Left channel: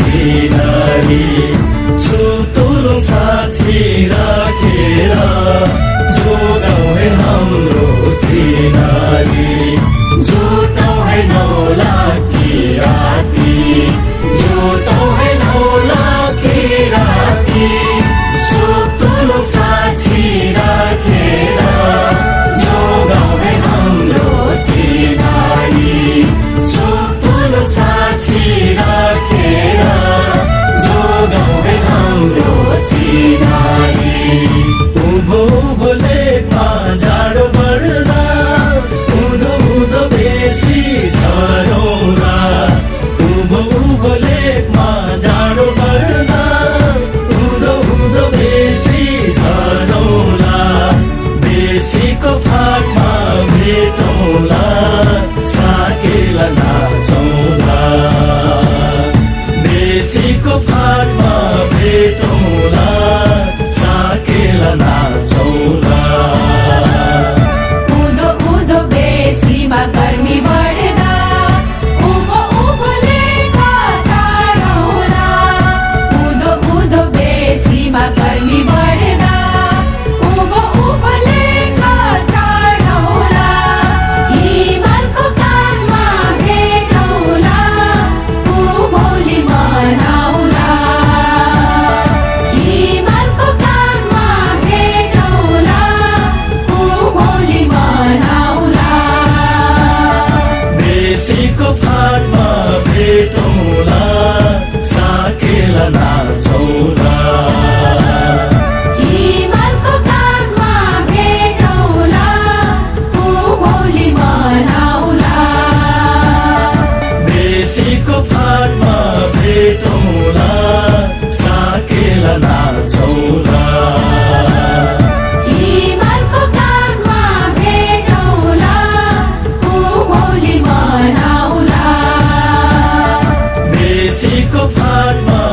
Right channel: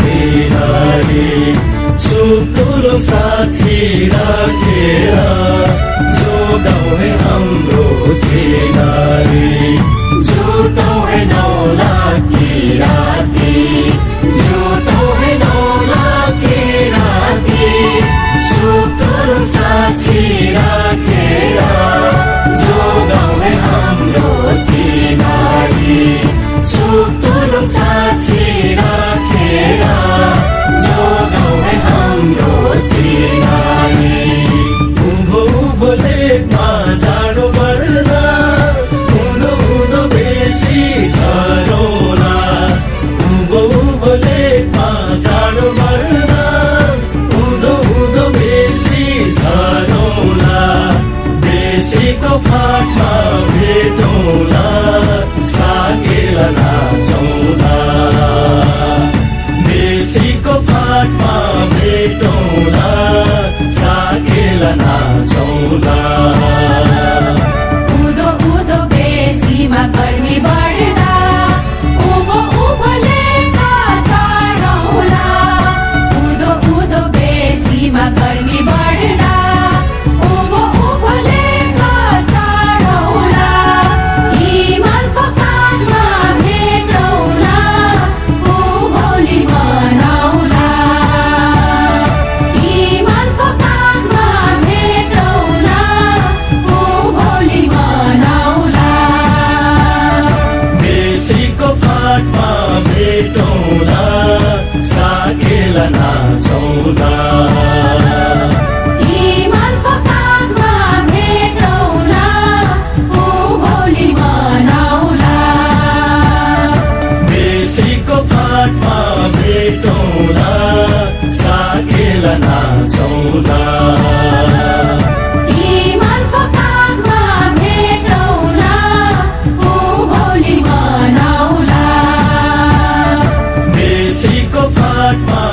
चिनारी सुतुलुङ साक्षी राखेर जोगाउँ है हाम्रो चिनारी जुटाउँ है 9 लाख किराती जुटाउँ है 9 लाख किराती सुतुलुङ साक्षी राखेर जोगाउँ है हाम्रो चिनारी सुतुलुङ साक्षी राखेर जोगाउँ है हाम्रो चिनारी उँभो उँभो लेखमा जाडो बढ्दा उँधो उँधो बेसी झरौँला उँभो उँभो लेखमा जाडो बढ्दा उँधो उँधो बेसी झरौँला बेसीको फाटमा भेटौँला साकेला नाचौँला बेसीको फाटमा भेटौँला साकेला नाचौँला उँधो उँधो बेसीमा गर्मी बढ्दा उँभो उँभो लेखा चढौँला उँधो उँधो बेसीमा गर्मी बढ्दा उँभो उँभो लेखा चढौँला हिमालको काखमा भेटौँला उँभोली मनाउला हिमालको काखमा भेटौँला उँभोली मनाउला बेसीको फाटमा भेटौँला साकेला नाचौँला हिमालको काखमा भेटौँला उँभोली मनाउला बेसीको फाटमा भेटौँला साकेला नाचौँला हिमालको काखमा भेटौँला उँभोली मनाउला बेसीको फाटमा